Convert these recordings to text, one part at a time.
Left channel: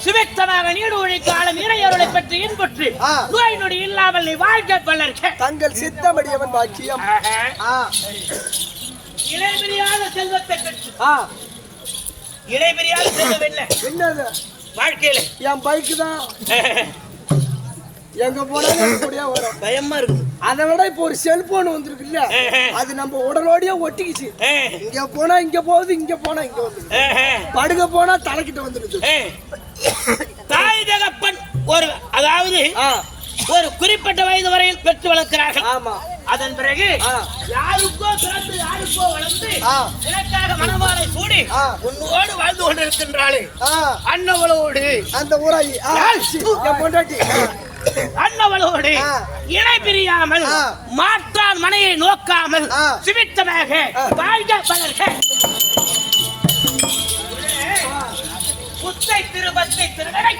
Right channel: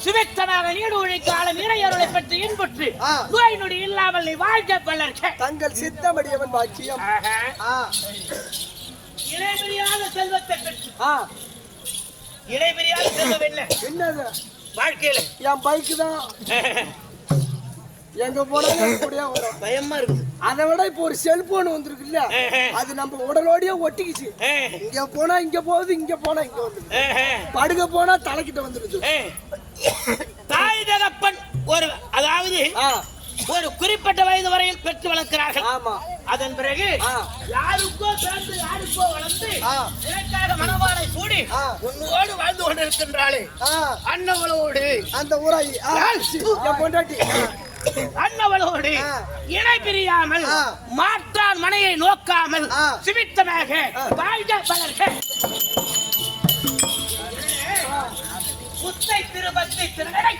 சுவித்தமாக need ஒழிக்க ஆளும் இறையருளை பெற்று இன்புற்று நோய் நொடி இல்லாமல் நீ வாழ்க்கை கொள்ளற்க தங்கள் சித்தமடியவன் பாக்கியம். இடைபிரியாத செல்வத்தை பெற்று இடைபிரியாத செல்வம் என்ன? என்னது? வாழ்க்கையில. என் பைக்கு தான். எங்க போனாலும் கூடயே வரும். பயமா இருக்கு அதை விட இப்போ ஒரு செல்போன் வந்திருக்குல்ல அது நம்ம உடலோடயே ஒட்டிக்கிச்சு. இங்க போனா இங்க போகுது இங்க போனா இங்க வந்து படுக்க போனா தலைக்கிட்ட வந்துடுது தாய் தகப்பன் ஒரு அதாவது ஒரு குறிப்பிட்ட வயது வரையில் பெற்று வளர்க்கிறார்கள். ஆமா. அதன் பிறகு. யாருக்கோ பிறந்து யாருக்கோ வளர்ந்து. எனக்காக சூடி ஆ. உன்னோடு வாழ்ந்து கொண்டிருக்கின்றாளே. ஆ. அன்னவளோடு அந்த ஊராயி. பொண்டாட்டி. அன்னவளோடு. இணை பிரியாமல். மாற்றான் மனையை நோக்காமல். சிமித்தமாக. வாழ்க பலர்க முத்தை திருபத்தை திருடனை.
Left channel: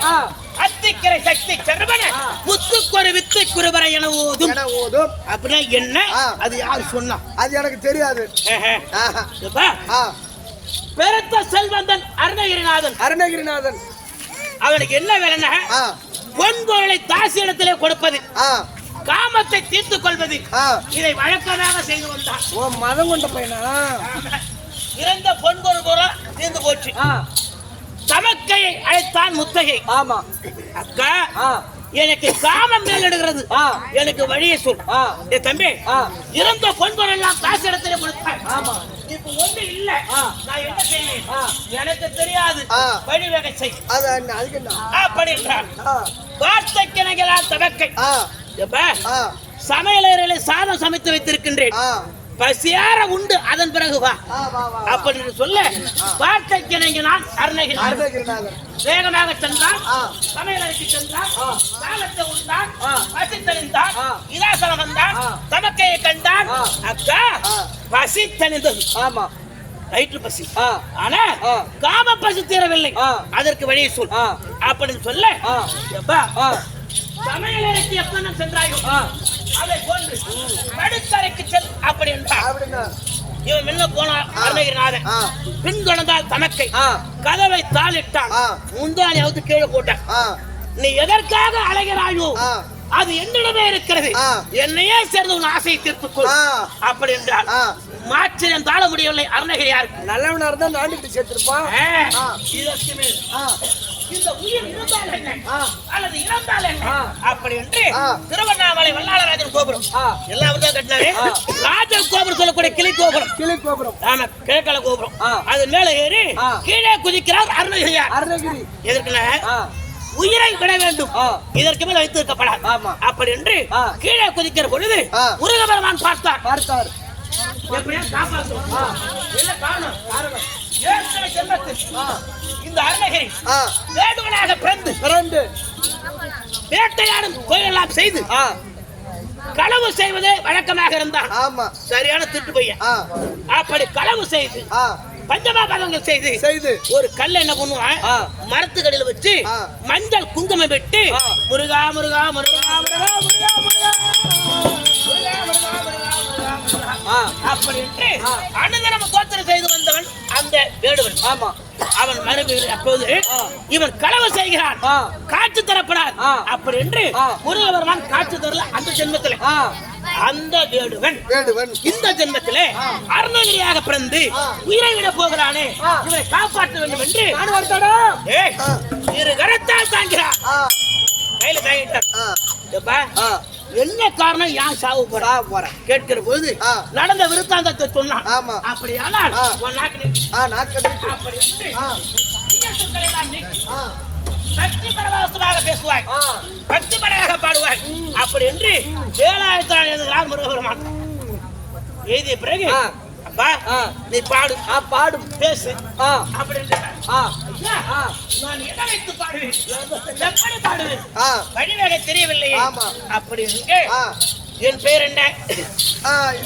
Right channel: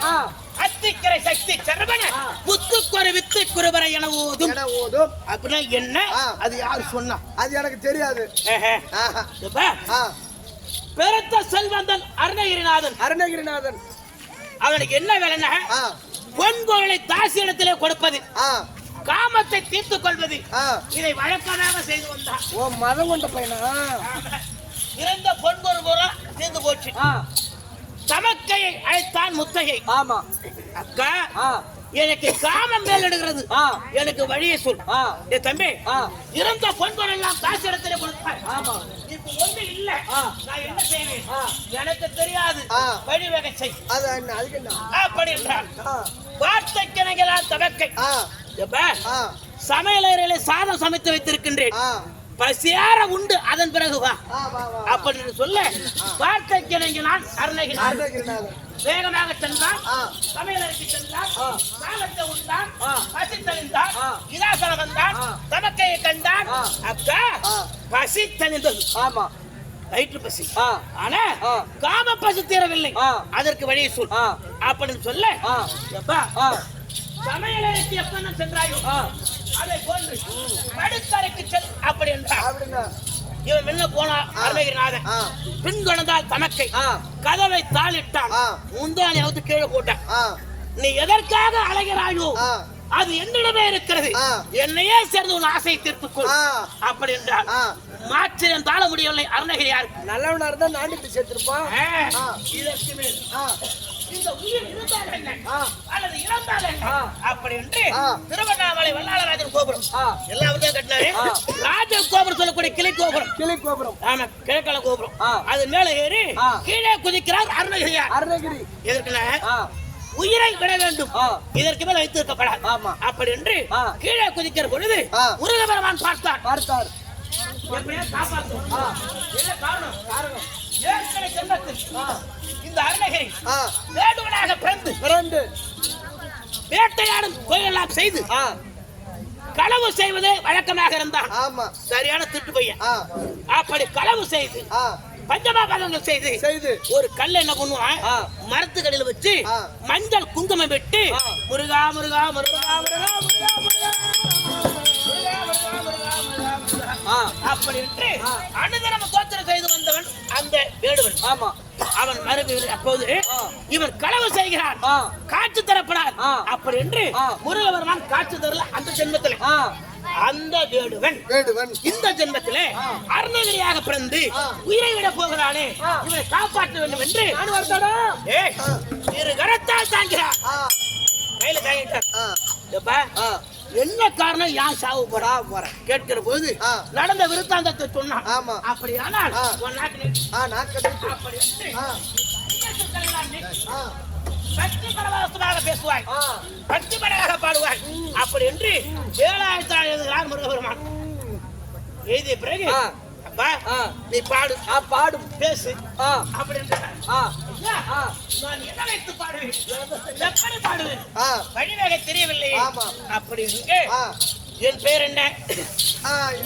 அத்திக்கரை சக்தி சரவண. முத்துக்கொரு வித்தை குருபரை என ஓதும். அப்படின்னா என்ன. அது யார் சொன்னா? அது எனக்கு தெரியாது. பெருத்த செல்வந்தன் அருணகிரிநாதன். அருணகிரிநாதன். அவனுக்கு என்ன வேலைன்னா பொன்பொருளை தாசியிடத்திலே கொடுப்பது. காமத்தை தீர்த்து கொள்வது. இதை வழக்கமாக செய்து வந்தான். ஓ மதம் கொண்ட பையனா? இறந்த பொன்பொருள் பூரா தீர்ந்து போச்சு. தமக்கையை அழைத்தான் முத்தகை ஆமா. அக்கா எனக்கு காமம் மேலிடுகிறது. ஆ. எனக்கு வழியை சொல். ஏ தம்பி ஆ. இறந்த பொன்பொருள் எல்லாம் காசு இடத்துல ஆமா. இப்ப ஒண்ணு இல்ல. நான் என்ன செய்வேன். எனக்கு தெரியாது. வழி வகை செய். அது அண்ணா, அதுக்கு என்ன? அப்படி என்றார் ஆ. வார்த்தைக்கிணங்களால் தமக்கை ஆ. எப்ப? ஆ. சமையலறையில சாதம் சமைத்து வைத்திருக்கின்றேன். பசியார உண்டு அதன் பிறகு வா அப்படின்னு சொல்ல வார்த்தைக்கிணங்க நான் அருணகிரி அருணகிரிநாதன் வேகமாக சென்றான். சமையலறைக்கு சென்றான் ஆ. சாதத்தை உண்டான். பசி தெளிந்தான் ஆ. இதாசனம் வந்தான். தமக்கையை கண்டான். அக்கா. பசி தெளிந்தது ஆமா வயிற்று பசி ஆனா. காம பசி தீரவில்லை. அதற்கு வழியை சொல். அப்படின்னு சொல்ல சமையலறைக்கு எப்ப சென்றாயோ. அதை போன்று படுத்தறைக்கு என்றார் அப்படின்னா. இவன் முன்ன போனான் அருணகிரிநாதன். பின்தொடர்ந்தால் தமக்கை ஆ. கதவை தாளிட்டான். முந்தானை கீழே போட்டான். நீ எதற்காக அலைகிறாயோ. அது என்னிடமே இருக்கிறது. என்னையே சேர்ந்து உன் ஆசையை தீர்த்துக்கொள். அப்படி என்றார் ஆ. மாற்றினம் தாழ முடியவில்லை அருணகிரியார் நல்லவனா இருந்தா நாண்டுட்டு சேர்த்திருப்பான். இந்த உயிர் இருந்தால் என்ன. அல்லது இறந்தால் என்ன. அப்படி என்று. திருவண்ணாமலை வல்லாளராஜன் கோபுரம். எல்லாம் தான் கட்டினாரு. ராஜன் கோபுரம் சொல்லக்கூடிய கிளை கோபுரம் கிளை கோபுரம் ஆமா கிழக்கல கோபுரம். அது மேல ஏறி. கீழே குதிக்கிறார் அருணகிரியார் அருணகிரி எதற்குன்னா ஆ உயிரை விட வேண்டும். இதற்கு மேல் வைத்திருக்கப்படாது ஆமா. அப்படி என்று. கீழே குதிக்கிற பொழுது. முருகபெருமான் பார்த்தார் பார்த்தார். என்ன காரணம் ஏற்கனவே ஜென்மத்தில் இந்த அருணகிரி வேடுவனாக பிறந்து பிறந்து வேட்டையாடும் கோயிலெல்லாம் செய்து களவு செய்வதே வழக்கமாக இருந்தார் ஆமா சரியான திட்டு பையன் அப்படி களவு செய்து பஞ்சமாபாதங்கள் செய்து செய்து ஒரு கல்ல என்ன பண்ணுவான். மரத்துக்கடியில வச்சு. மஞ்சள் குங்குமம் விட்டு. முருகா முருகா முருகா முருகா முருகா முருகா அப்படின்ட்டு ஆ. அனுதினம் கோத்திரம் செய்து வந்தவன் அந்த வேடுவன் ஆமா அவன் மரபு அப்போது. இவன் களவு செய்கிறான். காட்சி தரப்படாது. அப்படி என்று ஆ. முருகவர்மான் காட்சி தரல அந்த ஜென்மத்திலே அந்த வேடுவன் வேடுவன் இந்த ஜென்மத்திலே அருணகிரியாக பிறந்து உயிரை விட போகிறானே. இவனை காப்பாற்ற வேண்டும் என்று. இரு கரத்தால் தாங்கிறார் கையில தாங்கிட்டார் என்ன காரணம்? யான் சாவு போறா ஆ போறேன் கேட்கிற போது. நடந்த விருத்தாந்தத்தை சொன்னான். ஆமா. அப்படியானால் ஆ. உன் நாட்டில் ஆ நாட்கள் அப்படி என்று ஆ. ஐயத்துக்களை எல்லாம் நீக்கி ஆ. பக்தி பரவசமாக பேசுவாய். பக்தி பரவாக பாடுவாய். அப்படி என்று ஏழாயிரத்தி எழுதுகிறார் முருகபெருமான் எழுதிய பிறகு நீ பாடு. ஆ பாடும். பேசு. ஆ. அப்படி ஆ. நான் எதை வைத்து பாடுவேன் எப்படி பாடுவேன் வழிவகை தெரியவில்லை ஆமா. அப்படி இருக்கு. என் பேர் என்ன?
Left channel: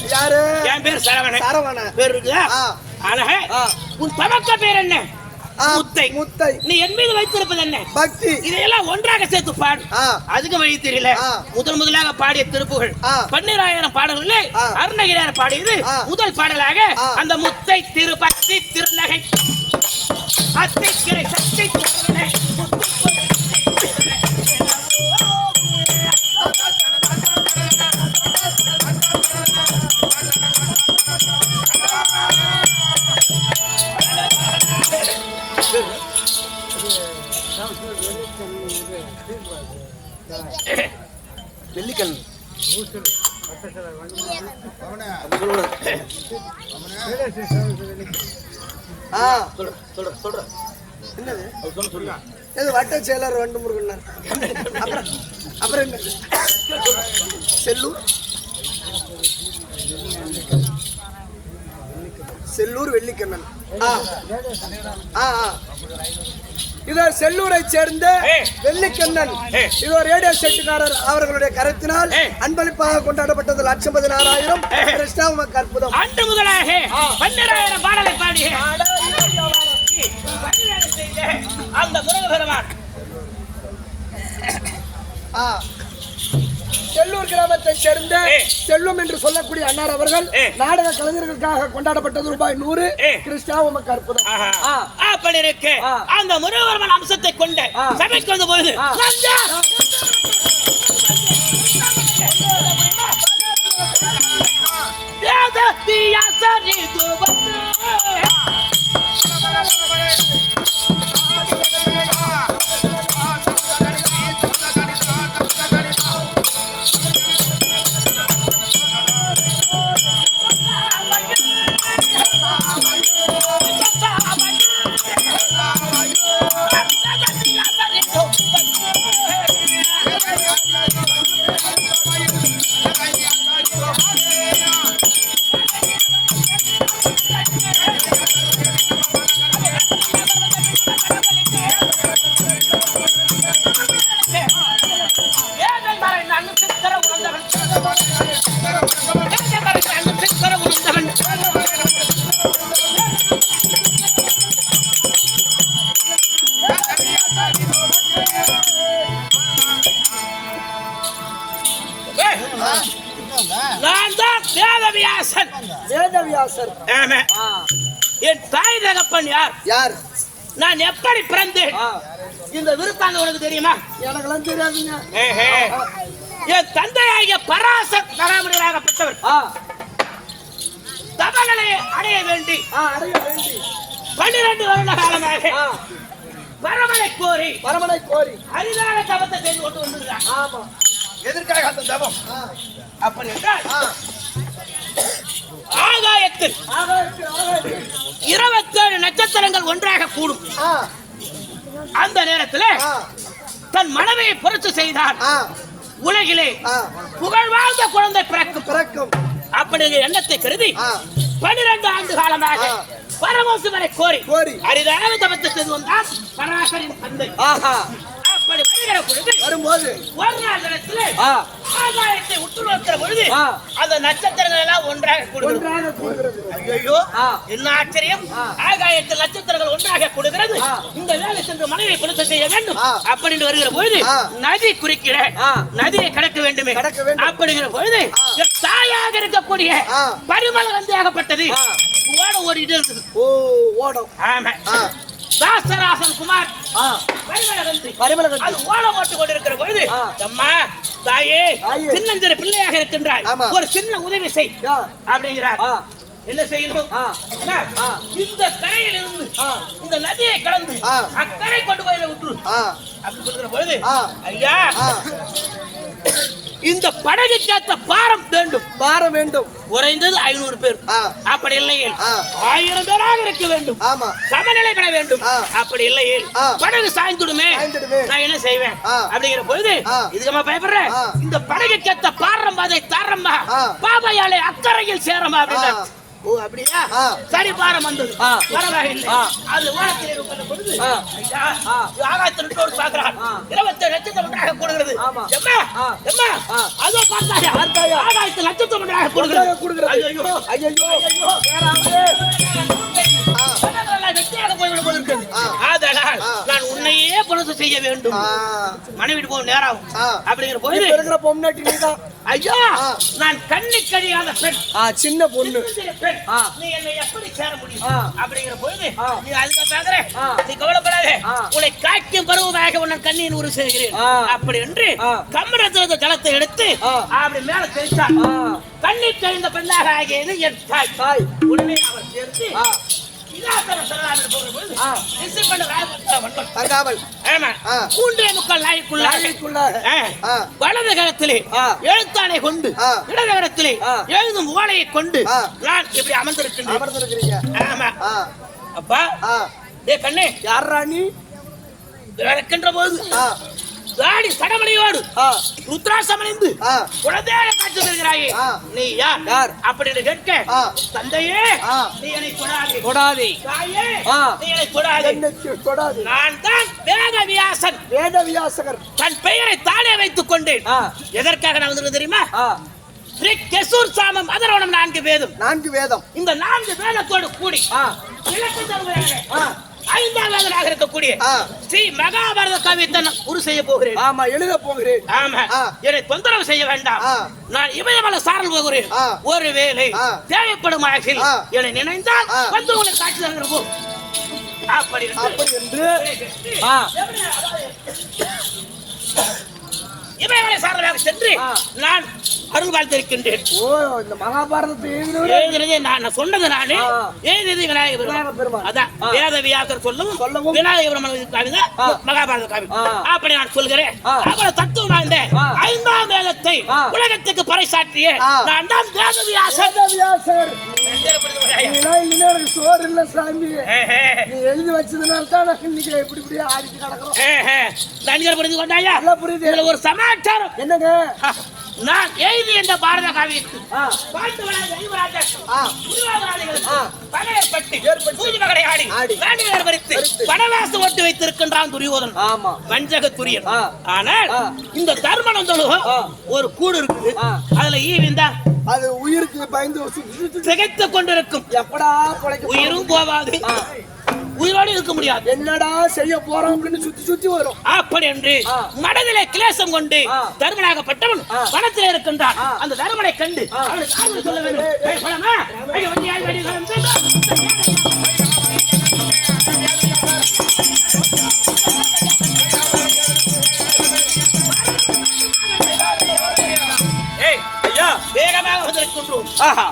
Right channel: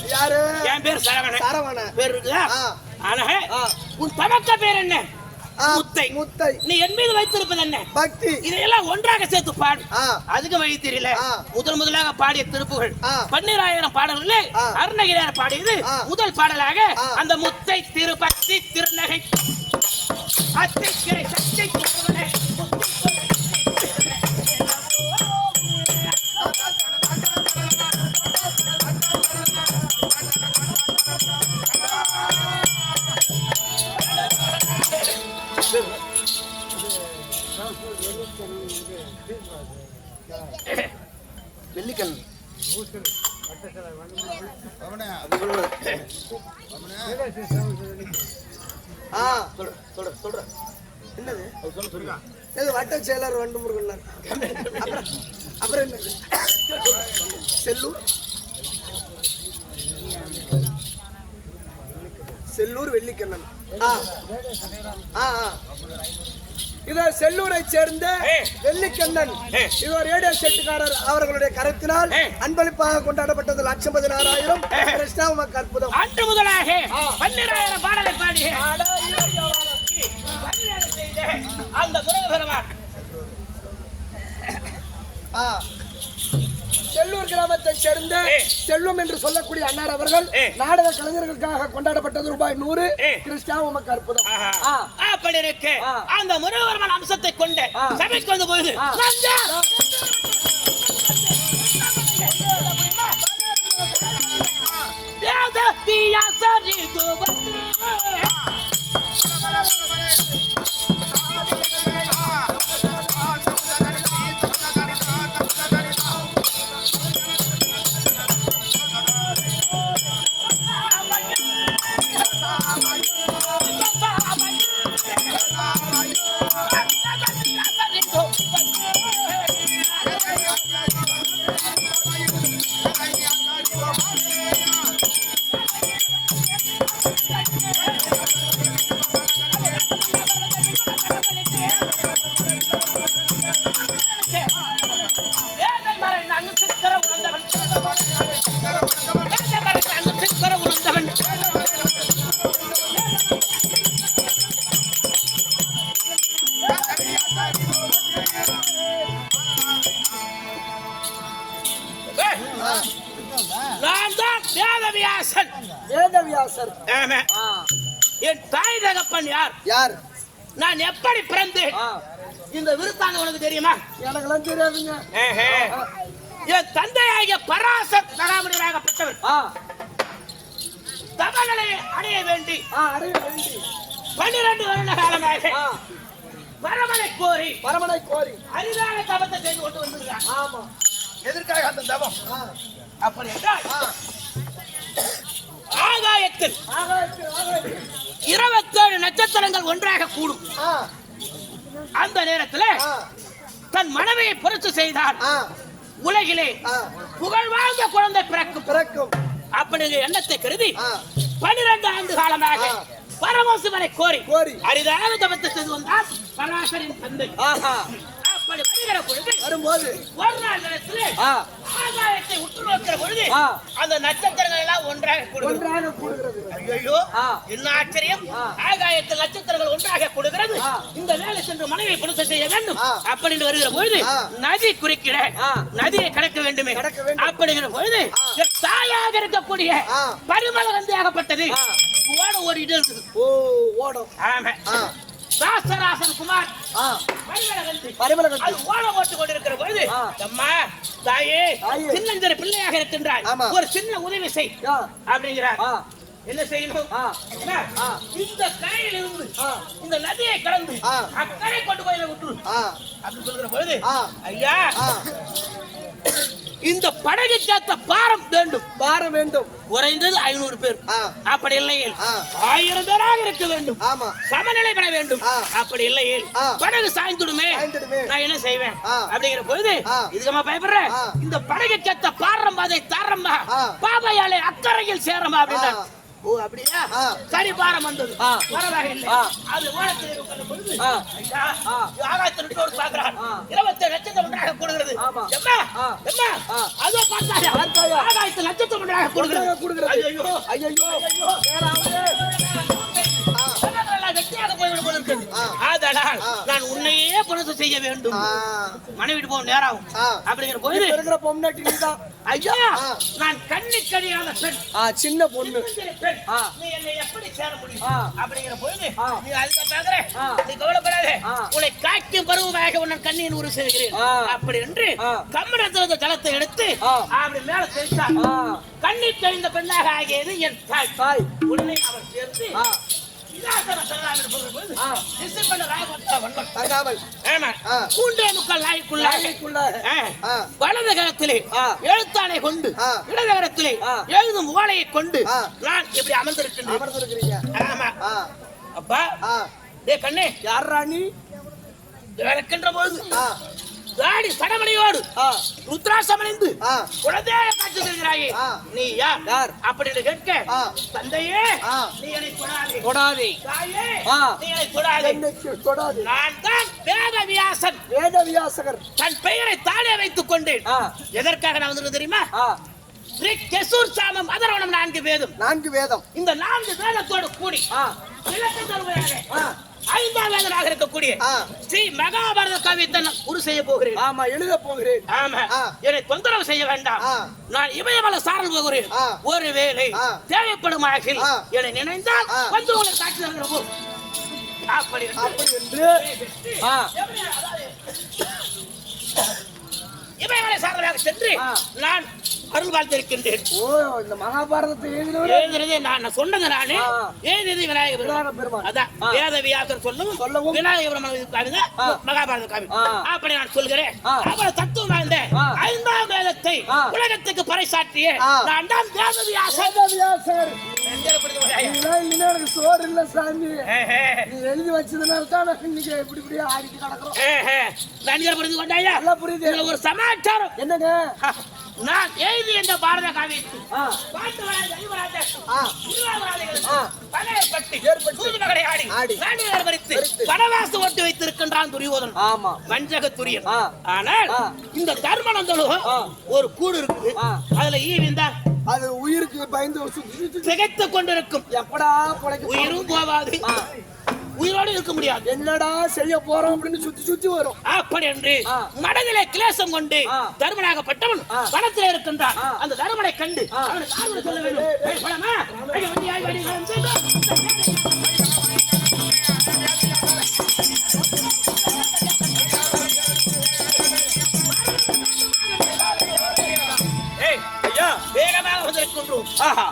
யாரு? என் பேர் சரவணன். சரவண பேர் இருக்குதா? ஆ. அழக. உன் தமக்க பேர் என்ன? முத்தை. முத்தை நீ என் மீது வைத்திருப்பது என்ன பக்தி இதையெல்லாம் ஒன்றாக சேர்த்து பாடு அதுக்கு வழி தெரியல. முதல் முதலாக பாடிய திருப்புகள். பன்னிராயிரம் பாடல்களே. அருணகிரியார் பாடியது. முதல் பாடலாக. அந்த முத்தை திருப்பத்தி திருநகை அத்திக்கிரை இதோ ரேடியோ செட்டுக்காரர் அவர்களுடைய கருத்தினால். அன்பளிப்பாக கொண்டாடப்பட்டது லட்சம் பதினாறாயிரம் ஏ. கிருஷ்ணா உமக்கு அற்புதம் அன்று முதலாக பன்னிராயிரம் பாடலை பாடி அந்த. செல்லூர் கிராமத்தை சேர்ந்த ஏ. செல்வம் என்று சொல்லக்கூடிய அன்னார் அவர்கள். நாடக கலைஞர்களுக்காக கொண்டாடப்பட்டது ரூபாய் நூறு. கிருஷ்ணா உமக்கு அற்புதம். அப்படி இருக்கு. அந்த முருகபெருமான் அம்சத்தை கொண்டு. சபைக்கு வந்த போது ஆ. நான் எப்படி பிறந்தேன். இந்த விருத்தாங்க உனக்கு தெரியுமா எனக்கெல்லாம் தெரியாதுங்க. என் தந்தையாகிய பராசத் பராமரியாகப்பட்டவர் ஆ. தவங்களை அடைய வேண்டி பன்னிரண்டு வருட காலமாக ஆ. வரமனை கோரி பரமனை கோரி அரிதான தவத்தை செய்து கொண்டு ஆமா எதற்காக அந்த தவம் ஆ. அப்படி என்றால். ஆகாயத்தில். இருபத்தேழு நட்சத்திரங்கள் ஒன்றாக கூடும். அந்த நேரத்தில். தன் மனைவியை பொறுத்து செய்தார். உலகிலே. புகழ் வாழ்ந்த குழந்தை பிறக்கும் பிறக்கும் அப்படிங்கிற எண்ணத்தை கருதி ஆ. பன்னிரண்டு ஆண்டு காலமாக. பரமசிவரை கோரி கோரி. அரிதான தவத்தை செய்து வந்தார் பராசரின் தந்தை அப்படி வருகிற பொழுது வரும்போது ஒரு நாள் நேரத்தில் பொழுது. அந்த நட்சத்திரங்கள் எல்லாம் ஒன்றாக கூடுகிறது ஐயோ. என்ன ஆச்சரியம். ஆகாயத்தில் நட்சத்திரங்கள் ஒன்றாக கூடுகிறது. இந்த வேலை சென்று மனைவி பொருத்த செய்ய வேண்டும். அப்படின்னு வருகிற பொழுது. நதி குறிக்கிற. நதியை கடக்க வேண்டுமே. அப்படிங்கிற பொழுது தாயாக இருக்கக்கூடிய. பரிமள வந்து ஆகப்பட்டது. ஓட ஓடிட்டு இருக்குது ஓ ஓடம் ஆமா. தாசராசன் குமார் அது ஓட ஓட்டு கொண்டிருக்கிற பொழுது. அம்மா தாயே. சின்னஞ்சிறு பிள்ளையாக இருக்கின்றாய். ஒரு சின்ன உதவி செய். அப்படிங்கிறார். என்ன செய்யணும். இந்த கரையில் இருந்து. இந்த நதியை கடந்து ஆ. அக்கறை கொண்டு போய் விட்டுரு ஆ. அப்படி சொல்கிற பொழுது. ஐயா. இந்த படகு கேட்ட பாரம் வேண்டும் மாற வேண்டும் குறைந்தது ஐநூறு பேர். அப்படி இல்லையே. ஆயிரம் பேராக இருக்க வேண்டும் ஆமா சமநிலை பெற வேண்டும். அப்படி இல்லையே. படகு சாய்ந்துடுமே. நான் என்ன செய்வேன். அப்படிங்கிற பொழுது. இதுக்கமா பயப்படுற. இந்த படகு பாரம் அதை தாரம்மா ஆ. பாபாயாலே அக்கறையில் சேரமா அப்படின்னா. ஓ அப்படியா ஆ. சரி பாரம் வந்தது. பரவாயில்லை. அது வானத்தில் இருக்கிற பொழுது. ஐயா, ஆகாயத்தில் ஒரு பார்க்கிறான். இருபத்தி நட்சத்திரம் ஒன்றாக கூடுகிறது ஆமா. எம்மா. எம்மா. அதோ பார்த்தாயா? ஆகாயத்தில் நட்சத்திரம் ஒன்றாக கூடுகிறது. ஐயோ போய்விடும் போல இருக்கிறது. ஆ. ஆதலால் ஆ. நான் உன்னையே பொழுது செய்ய வேண்டும். மனைவிட்டு போக. ஆ. அப்படிங்கிற போது இருக்கிற பொம்னாட்டி நீதான் ஐயா ஆ. நான் கண்ணி கழியாத பெண் சின்ன பொண்ணு பெண். நீ என்னை எப்படி சேர முடியும் ஆ. அப்படிங்கிற போது ஆ. நீ அழுக பாக்குற ஆ. நீ கவலைப்படாத ஆ. உன்னை காய்க்கும் பருவமாக உன்னை கண்ணியின் உரு செய்கிறேன். அப்படி என்று. கம்மனத்திலிருந்து எடுத்து. அப்படி மேல தெளித்தார் ஆ. கண்ணி கழிந்த பெண்ணாக ஆகியது என் தாய் தாய் உடனே அவர் சேர்த்து ஆ. சிங்காசனம் சரணாகி போகும்போது, ஆ. திசைப்பண்டு ராயபுரத்துல வந்தோம். தங்காமல் ஆமா. ஆ. மூன்றே முக்கால் நாளைக்குள்ள நாளைக்குள்ளாக. ஆ. ஆ. வலது கரத்திலே ஆ. எழுத்தாளை கொண்டு ஆ. இடது கரத்திலே ஆ. எழுதும் ஓலையை கொண்டு. நான் இப்படி அமர்ந்திருக்கின்றேன் அமர்ந்திருக்கிறீங்க ஆமா அப்பா டே கண்ணே யார் ராணி நடக்கின்ற போது தாடி சடமலையோடு ஆ. ருத்ராசமணிந்து குழந்தையாக காட்சி தருகிறாயே. நீ யார்? அப்படின்னு கேட்க. தந்தையே. நீ என்னை தொடாதே தொடாதே தாயே. நீ என்னை தொடாதே நான் தான் வேத வியாசன் வேத வியாசகர் தன் பெயரை தானே வைத்துக் கொண்டேன். எதற்காக நான் வந்திருந்தேன் தெரியுமா? கெசூர் சாமம் அதரவணம் நான்கு வேதம். நான்கு வேதம். இந்த நான்கு வேதத்தோடு கூடி விளக்கம் தருவதாக ஆ ஐந்தாவதாக இருக்கக்கூடிய. ஸ்ரீ மகாபாரத காவியத்தை நான் உரு செய்ய போகிறேன் ஆமா எழுத போகிறேன் ஆமா. என்னை தொந்தரவு செய்ய வேண்டாம். நான் இமயமலை சாரல் போகிறேன். ஒருவேளை. தேவைப்படும் அழகில் ஆ. என்னை நினைந்தால். வந்து உங்களை காட்சி தருகிற போ. அப்படி என்று அப்படி என்று ஆ இமயமலை சாரலாக சென்று. நான் அருள் வாழ்த்திருக்கின்றேன் ஓ இந்த மகாபாரதத்தை எழுதினவரே எழுதுனதே நான் சொன்னது நானு. எழுதியது விநாயகர் பெருமாள். அதான். வேத வியாசர் சொல்லவும் சொல்லவும் விநாயகர் பெருமாள் காவிங்க ஆ. மகாபாரத காவி. அப்படி நான் சொல்கிறேன். அவ்வளவு தத்துவம் வாய்ந்த. ஐந்தாம் வேதத்தை. உலகத்துக்கு பறைசாற்றிய. நான் தான் வேத வியாசர் வேத வியாசகர் நீலாம் இல்லைன்னா எனக்கு சோறு இல்ல சாமி நீ எழுதி வச்சதுனால தான் இன்னைக்கு இப்படி இப்படி ஆடிட்டு கிடக்குறோம் தனியார் புரிந்து கொண்டாயா நல்லா புரியுது இதுல ஒரு சமாச்சாரம் என்னங்க. நான் எழுதி இந்த பாரத காவியத்தில் பாட்டு ஐவராஜர். பகையப்பட்டு ஏற்பட்டு. சூது மகளை ஆடி. நாட்டினர் வரித்து. வனவாசம் ஓட்டு வைத்திருக்கின்றான் துரியோதன் ஆமா வஞ்சக துரியன். ஆனால். இந்த தர்மனந்தனும் ஆ. ஒரு கூடு இருக்கு ஆ. அதுல ஈவிந்தான் அது உயிருக்கு பயந்து திகைத்துக் கொண்டிருக்கும் எப்படா? உயிரும் போகாது ஆ. உயிரோடு இருக்க முடியாது என்னடா செய்ய போறோம் அப்படின்னு சுத்தி சுத்தி வரும் அப்படி என்று. மனதிலே கிளேசம் கொண்டு. தருமனாகப்பட்டவன். பணத்திலே இருக்கின்றான். அந்த தருமனை கண்டு சொல்ல வேண்டும்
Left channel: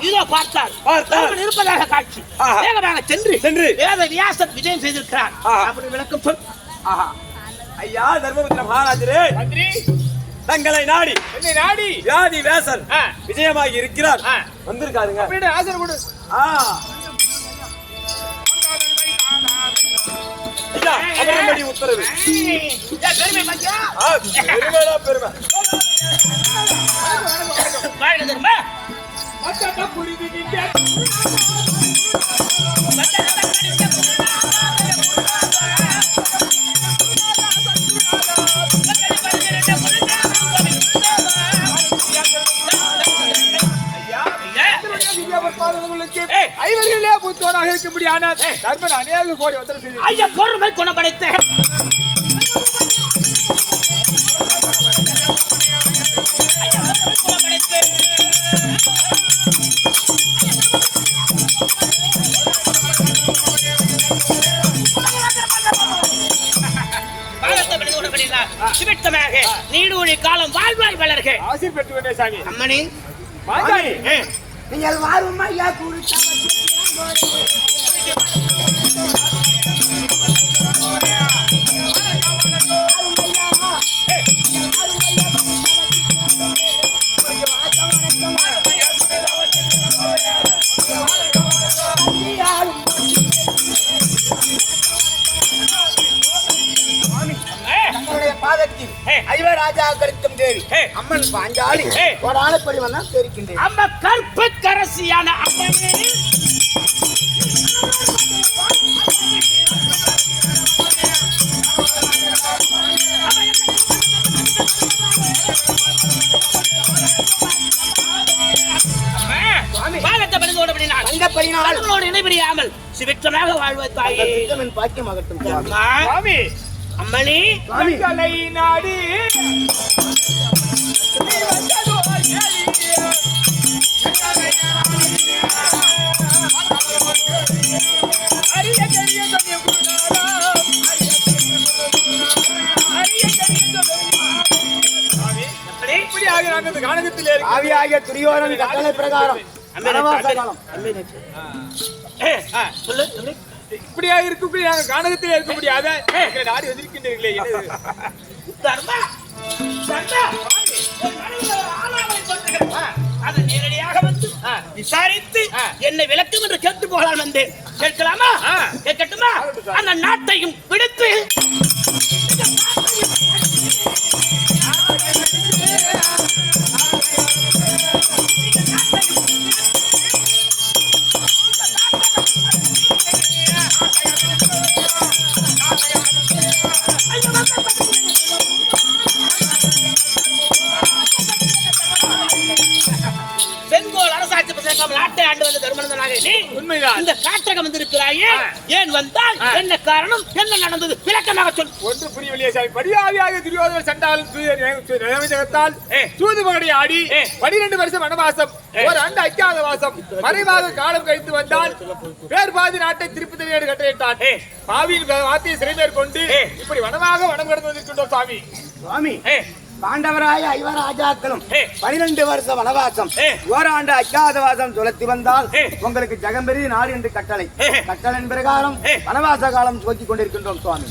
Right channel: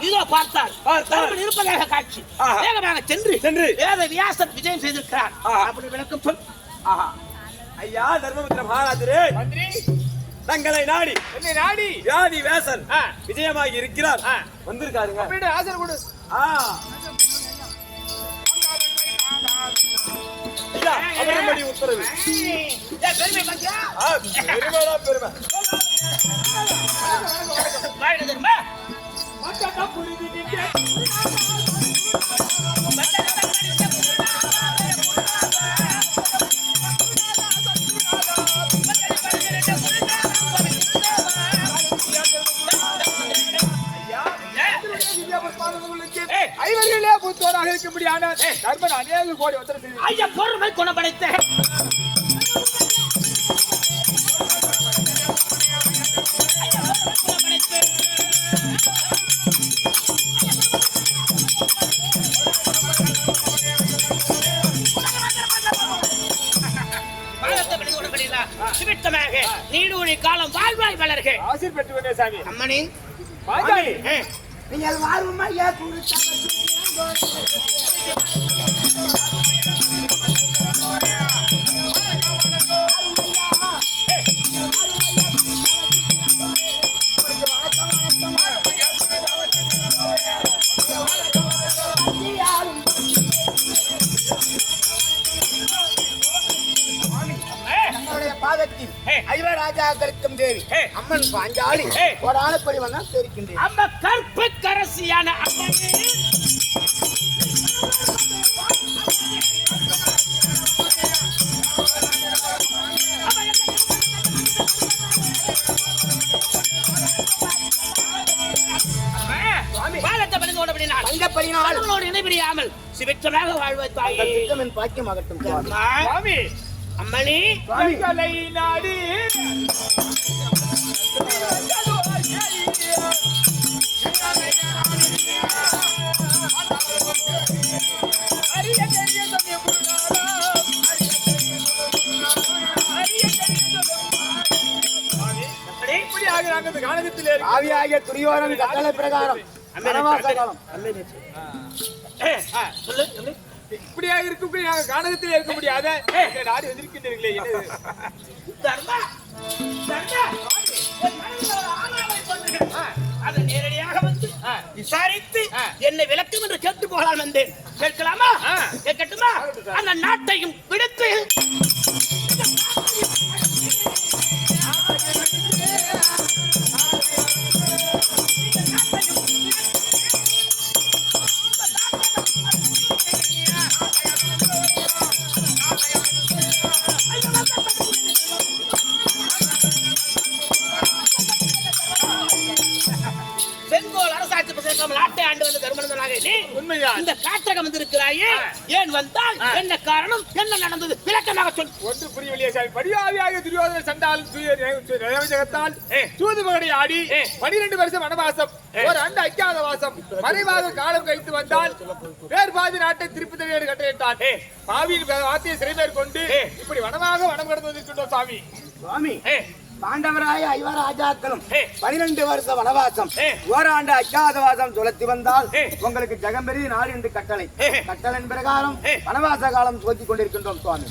இதோ பார்த்தால். தருமன் இருப்பதாக காட்சி. வேகமாக சென்று சென்று. வேத வியாசர் விஜயம் செய்திருக்கிறார். அப்படி விளக்கம் சொல். ஆஹா. ஐயா தர்மபுத்திர மகாராஜரே. மந்திரி தங்களை நாடி என்னை நாடி. வியாதி வேசன். விஜயமாகி இருக்கிறார். வந்திருக்காருங்க. அப்படின்னு ஆசை கொடு. ஆ. உத்தரவு. பெருமை பெருமைடா பெருமை. ஐவர்களே புத்தோராக இருக்கும்படியான தர்மன் அநேக கோடி உத்தரவு ஐயா, பொறுமை குணப்படுத்த சாமி அம்மணி வாங்கி. ஏய், நீங்கள் வாரும் குறிச்சா ஏய், கருத்தும் தேவி. அம்மன் பாஞ்சாலி ஆளுப்படி வந்தா தெரிக்கின்றேன் அம்ம கற்புக்கரசியான அம்மனே இணைபிரியாமல் சிவிற்றமாக வாழ்வாய் தாயே. பாக்கியமாகட்டும். அம்மணி நாடி ஆவியாகிய துரியோதனன் கட்டளை பிரகாரம் இப்படியா இருக்கக்கூடிய நாங்க கானகத்திலே இருக்க முடியாத நாடி பண்ணுகிறேன். அதை நேரடியாக வந்து விசாரித்து என்னை விளக்கும் என்று கேட்டு போகலாம் வந்தேன் கேட்கலாமா? கேட்கட்டுமா? அந்த நாட்டையும் பிடித்து வந்திருக்கிறாயே ஏன் வந்தால் என்ன காரணம்? என்ன நடந்தது? விளக்கமாக சொல். ஒன்று புரியவில்லையே சாமி. படியாவியாக துரியோதன சண்டாலும் நிலவஜகத்தால் சூது மகடி ஆடி பனிரெண்டு வருஷம் வனவாசம் ஒரு ஆண்டு அஜாத வாசம் மறைவாக காலம் கழித்து வந்தால் வேறு பாதி நாட்டை திருப்பி தருவேன் கட்டளையிட்டான். பாவியின் வார்த்தையை சிறைமேற் கொண்டு இப்படி வனமாக வனம் கடந்து வந்திருக்கின்றோம் சாமி. சுவாமி பாண்டவராய ஐவராஜாக்களும் பனிரெண்டு வருஷ வனவாசம் ஓராண்டு அஜாதவாசம் சுழத்தி வந்தால் உங்களுக்கு ஜெகம்பெரிய நாடு என்று கட்டளை. கட்டளையின் பிரகாரம் வனவாச காலம் துவக்கிக் கொண்டிருக்கின்றோம் சுவாமி.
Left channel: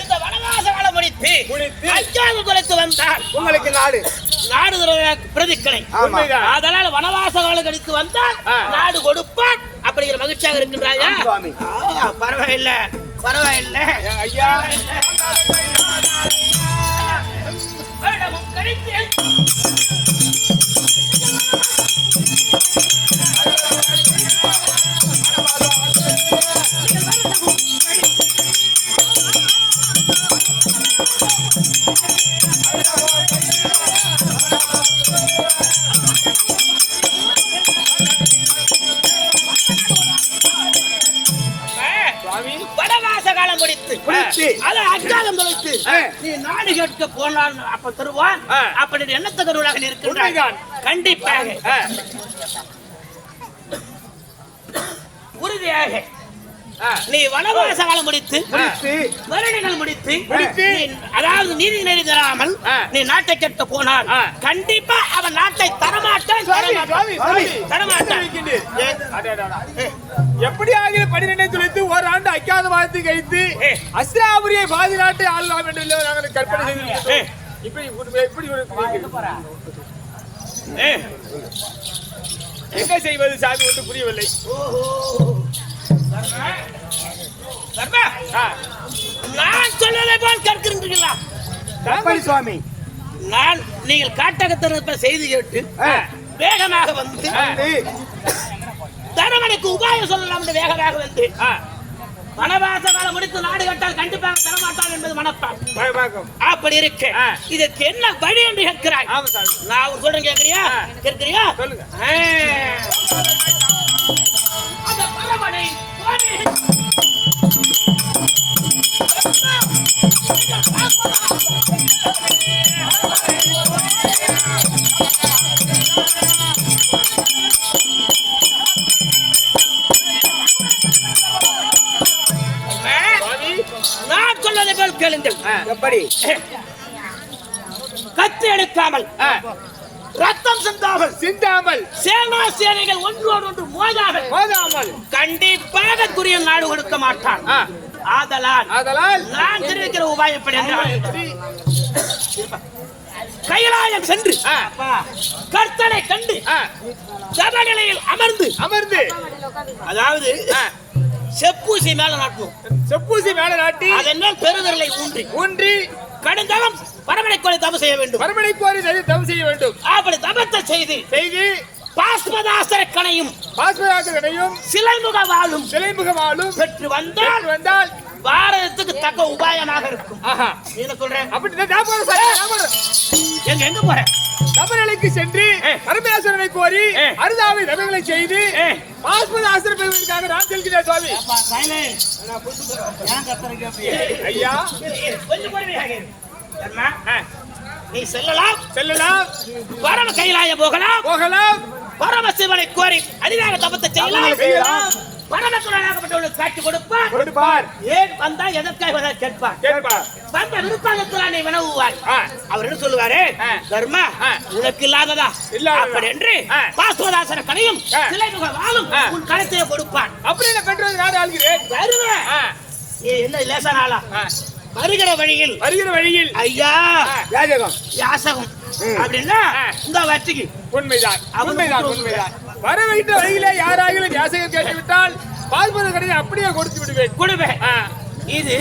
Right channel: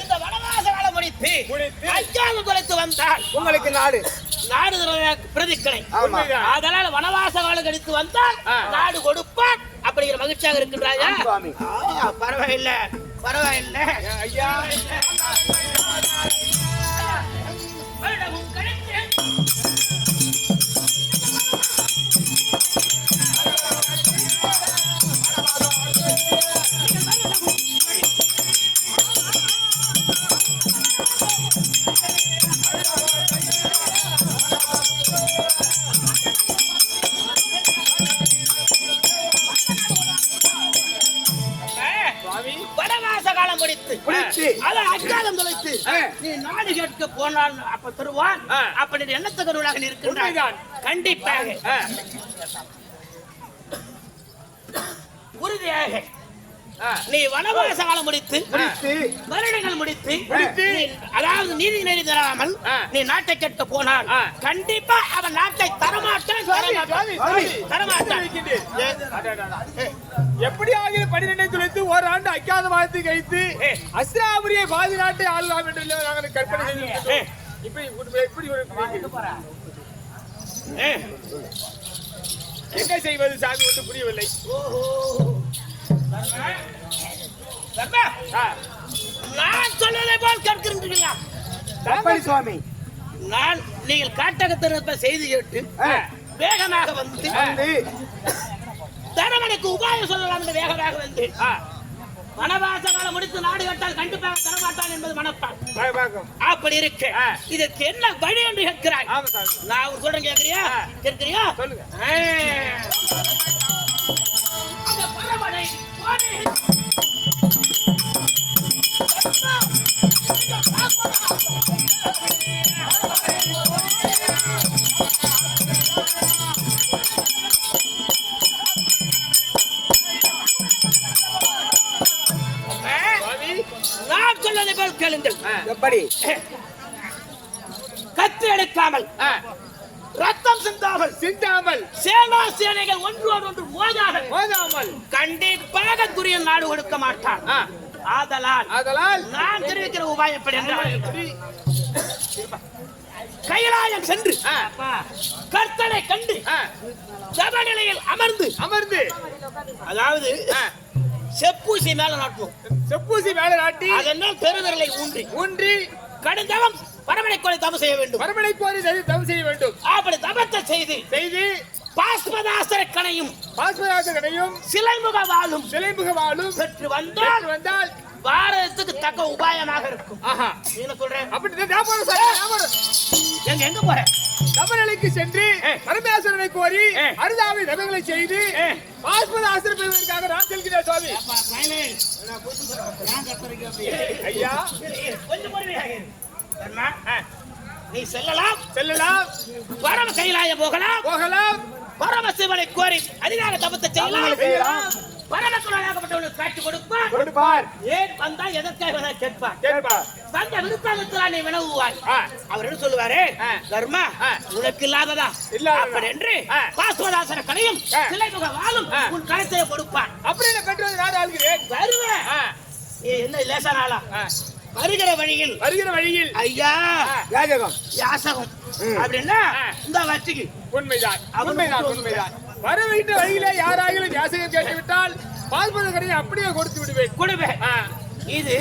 இந்த வனவாச காலம் நாடு. நாடு பிரதிக்கலை. அதனால வனவாச காலம் கழித்து வந்தால் நாடு கொடுப்பான் அப்படிங்கிற மகிழ்ச்சியாக இருக்கின்றாயா? பரவாயில்ல. பரவாயில்ல. ஐயா. வேடமும் உண்மைதான். கண்டிப்பாக. உறுதியாக. நீ வனவாச காலம் முடித்து வருடங்கள் முடித்து அதாவது நீதி நெறி தராமல். நீ நாட்டை கேட்க போனால். கண்டிப்பா அவன் நாட்டை தரமாட்டான் தரமாட்டான். எப்படியாக பனிரெண்டை துளைத்து ஓராண்டு அக்காத வாழ்த்து கழித்து அஸ்ராபுரியை பாதுகாட்டு ஆளலாம் என்று நாங்கள் கற்பனை செய்திருக்கிறோம் இப்படி எப்படி ஒரு என்ன செய்வது? சாமி ஒன்று புரியவில்லை. நான் சொன்னதை போல் கேட்கிறீர்களா? எப்படி சுவாமி. நான் நீங்கள் காட்டகத்திருப்ப செய்தி கேட்டு வேகமாக வந்து தரமணிக்கு உபாயம் சொல்லலாம் என்று வேகமாக வந்து வனவாச காலம் முடித்து நாடு கட்டால் கண்டிப்பாக தரமாட்டான் என்பது மனப்பான். அப்படி இருக்கு. இதற்கு என்ன வழி என்று கேட்கிறாய் நான் சொல்றேன் கேட்கிறியா. கேட்கிறியா சொல்லுங்க. அந்த பரமனை எப்படி கத்து எடுக்காமல் ரத்தம் சிந்தாமல் சிந்தாமல். சேனா சேனைகள் ஒன்று மோதாமல் மோதாமல். கண்டிப்பாக துரிய நாடு கொடுக்க மாட்டான். ஆதலால் ஆதலால் நான் தெரிவிக்கிற உபாயப்படி? கைலாயம் சென்று. கர்த்தனை கண்டு ஆ, ஜபநிலையில் அமர்ந்து அமர்ந்து. அதாவது செப்பூசி மேல நாட்டணும். செப்பூசி மேல நாட்டி அதன் மேல் பெருவிரலை ஊன்றி ஊன்றி கடுந்தளம் பரமனை கொலை தவம் செய்ய வேண்டும். மறுபடி கோரி தவம் செய்ய வேண்டும். அப்படி தவத்தை செய்து செய்து பாஸ்மதாசர கணையும் பாஸ்வராஜனையும் சிலைமுக வாழும் சிலைமுகமாலும் பெற்று வந்தால் வந்தால் பாரதத்துக்கு தக்க உபாயமாக இருக்கும். ஆஹா. என்ன சொல்றேன். அப்படி நான் போறேன். எங்க எங்க போறேன்? சபரிமலைக்கு சென்று பரமேஸ்வரனை கோரி அருதாவை நகைகளை செய்து ஆஸ்பத ஆசிரியர் பெறுவதற்காக நான் செல்கிறேன் சுவாமி. ஐயா. நீ செல்லலாம். செல்லலாம். பரம கைலாயம் போகலாம். போகலாம். பரமசிவனை கோரி அதிகார தபத்தை செய்யலாம். செய்யலாம் பரமக்குழலாகப்பட்டவனுக்கு காட்சி கொடுப்பான். கொடுப்பார் ஏன் வந்தா எதற்காக வந்தா கேட்பார் வந்த வினவுவாய் ஆ. அவர் என்ன சொல்லுவாரு. தர்மா. உனக்கு இல்லாததா இல்லாததா. அப்படி என்று. பாஸ்வதாசன கடையும் வாழும். உன் கழுத்தையே கொடுப்பான். அப்படி என்ன பெற்றது நாடு ஆள்கிறேன்? வருவேன் நீ என்ன லேசான ஆளா. வருகிற வழியில். வருகிற வழியில். ஐயா. யாஜகம் யாசகம். அப்படின்னா. இந்த வட்டிக்கு உண்மைதான். உண்மைதான் உண்மைதான். வர வைத்த வழியில யாராகிலும் யாசகம் கேட்டுவிட்டால் பாஸ்போர்ட் கடையை அப்படியே கொடுத்து விடுவேன். கொடுவேன் இது.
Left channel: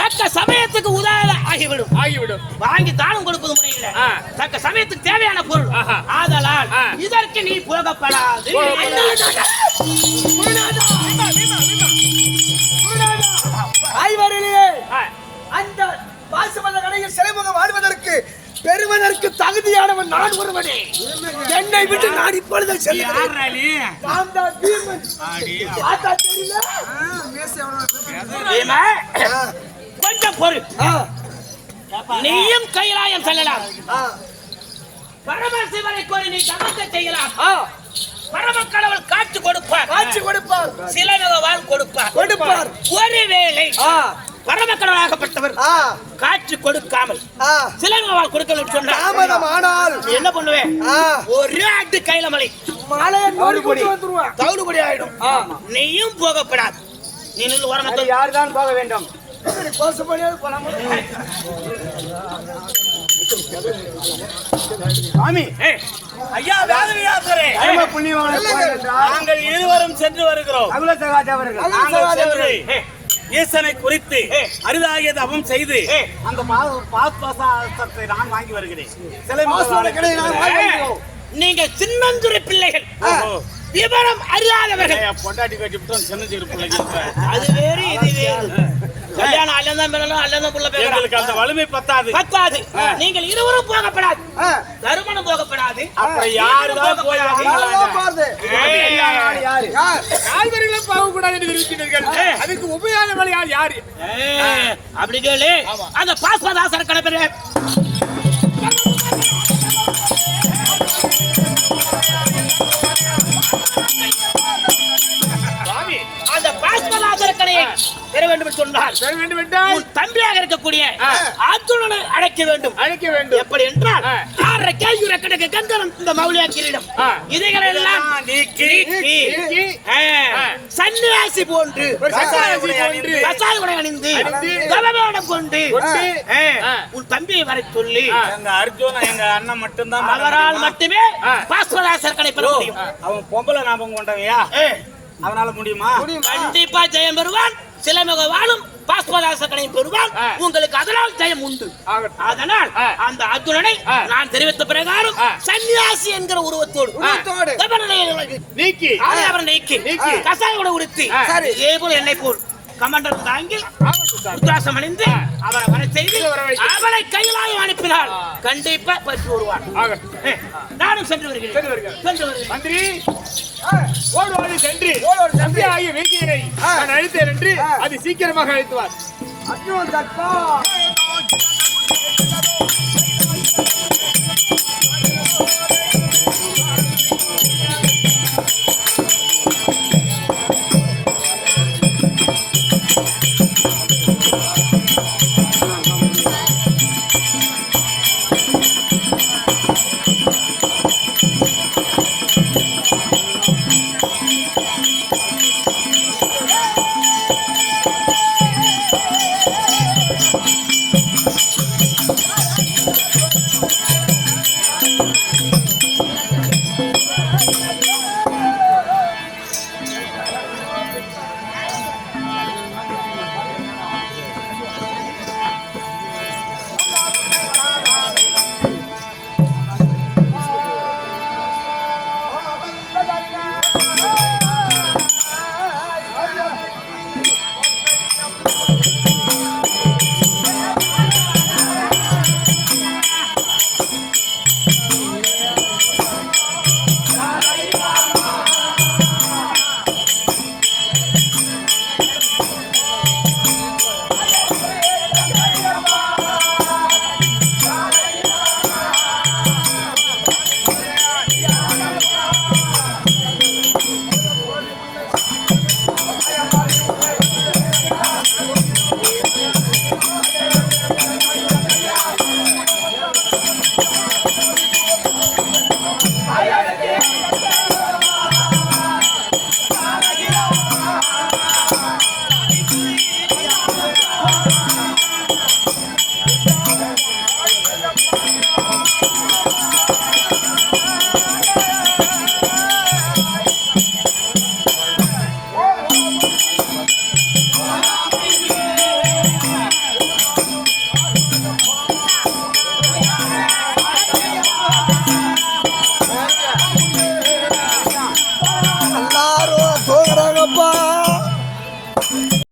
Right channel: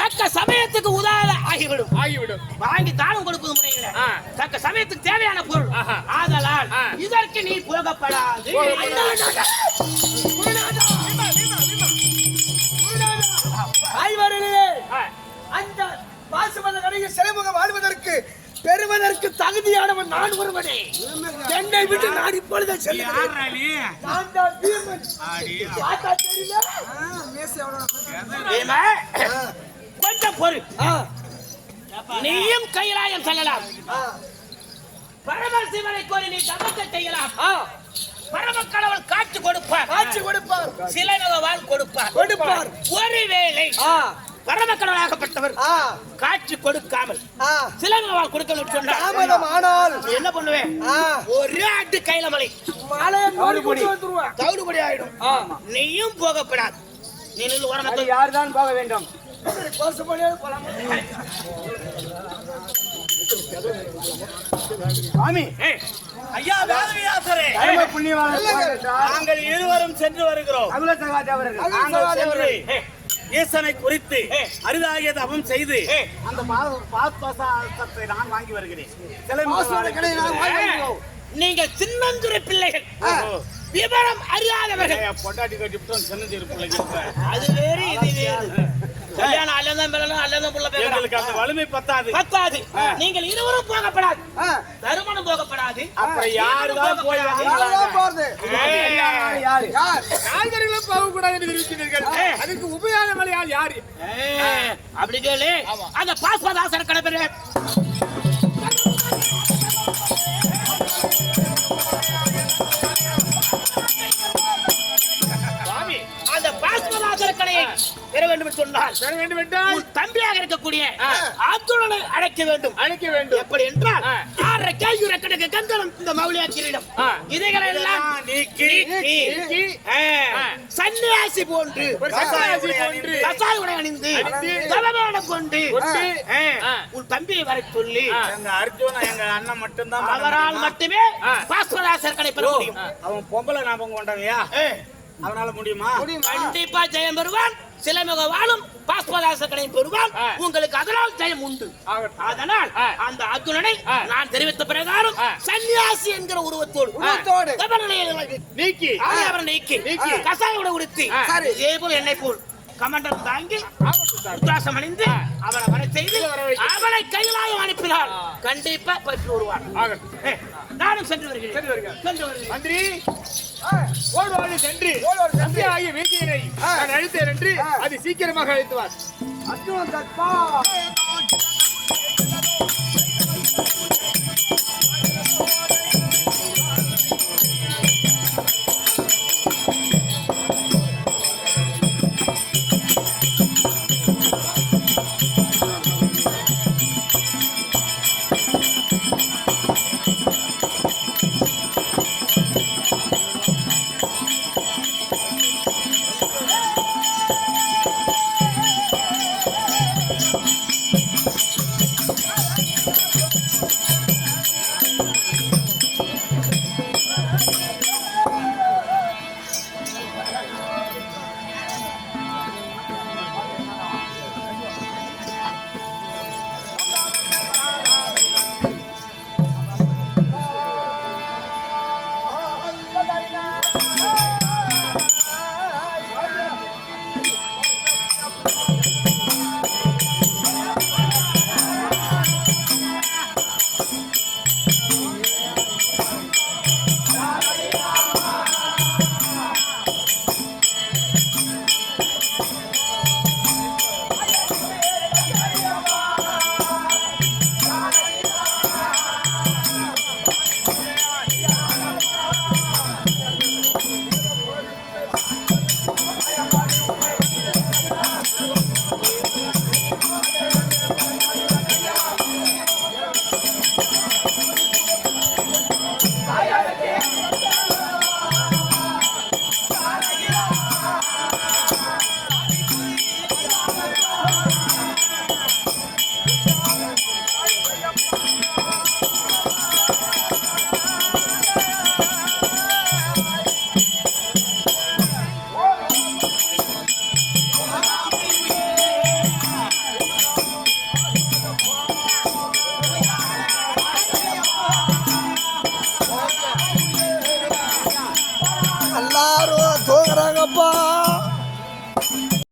தக்க சமயத்துக்கு உதாரண ஆகிவிடும். ஆகிவிடும். வாங்கி தானம் கொடுப்பது முறையில். தக்க சமயத்துக்கு தேவையான பொருள். ஆதலால். இதற்கு நீ புலகப்படாது. தகுதியானவன் நான் ஒருவனே. என்னை விட்டு நான் இப்பொழுது? கொஞ்சம் பொறு. நீயும் கைலாயம் செல்லலாம். பரமசிவனை கோரி நீ தகத்தை செய்யலாம். ஆ. பரம கடவுள் காட்சி கொடுப்பார். காட்சி கொடுப்பார். சிலை வாழ் கொடுப்பார். கொடுப்பார். ஒருவேளை ஆ, பரம கடவுளாகப்பட்டவர் ஆ, காட்சி கொடுக்காமல். சிலை வாழ் கொடுக்கல சொன்னார். ஆனால் நீ என்ன பண்ணுவேன்? ஒரு அட்டு கையில மலை தவிடுபடி. ஆயிடும். நீயும் போகப்படாது. நீ நின்று அது வரமத்தில் யார்தான் போக வேண்டும்? சுவாமி. ஐயா வேதவியாசரே. நாங்கள் இருவரும் சென்று வருகிறோம். நாங்கள் சென்று ஈசனை குறித்து அரிதாகிய தவம் செய்து அந்த பாஸ்பசாஸ்திரத்தை நான் வாங்கி வருகிறேன். நீங்க சின்னஞ்சிறு பிள்ளைகள். விவரம் அறியாதவர்கள். பொண்டாட்டி கட்டிவிட்டோம் சின்ன சிறு பிள்ளைங்க அது வேறு இது வேறு. கல்யாணம் பிறந்தோம் அல்லந்தான் புள்ள பேசுறான் எங்களுக்கு அந்த வலிமை பத்தாது. பத்தாது. நீங்கள் இருவரும் போகப்படாது. தருமணம் போகப்படாது. அப்புறம் யாரு தான் போகப்படாது? கால்வரிகளும் போகக்கூடாது இருக்கிறீர்கள் அதுக்கு உபயான வழி யார்? யாரு? அப்படி கேளு. அந்த பாஸ்வதாசர் கடைபெற பெற வேண்டும் என்றால் உன் தம்பியாக இருக்கக்கூடிய. அர்ஜுனனை அழைக்க வேண்டும் அழைக்க வேண்டும் எப்படி என்றால். ஆறரை கேள்வி கிடக்க கங்கரம் இந்த மௌலியா கிரீடம். இதைகளை எல்லாம். சன்னியாசி போன்று ஒரு சன்னியாசி போன்று கசாய உடை அணிந்து தவவேடம் கொண்டு. உன் தம்பியை வரை சொல்லி அர்ஜுன் எங்க அண்ணன் மட்டும்தான் அவரால்? மட்டுமே. பாஸ்வராசர் கடை பெற முடியும் அவன் பொம்பளை ஞாபகம் கொண்டவையா. அவனால முடியுமா கண்டிப்பா ஜெயம் பெறுவான் சிலமுக வாழும் பெறுவான் ஆ. உங்களுக்கு அதனால் ஜெயம் உண்டு. அதனால். அந்த அர்ஜுனனை ஆ. நான் தெரிவித்த பிரகாரம். சன்னியாசி என்கிற உருவத்தோடு நீக்கி அவரை அவரை நீக்கி நீக்கி. கசாயோட உடுத்தி. இதே போல் என்னை போல் கமண்டல் தாங்கி ஆகட்டும் சாமி. உத்ராசம் அணிந்து. அவரை வர செய்து இல்ல, வர வைக்க. அவளை கையிலாக அனுப்பினார். கண்டிப்பா பற்றி வருவார் நானும் சென்று வருகிறேன் சென்று வருகிறேன். சென்று வருகிறேன் மந்திரி ஓடுவாரு சென்று தம்பி ஆகிய வைத்தியரை நான் அழைத்தேன் என்று அது சீக்கிரமாக அழைத்துவார் அர்ஜுன் தற்பா.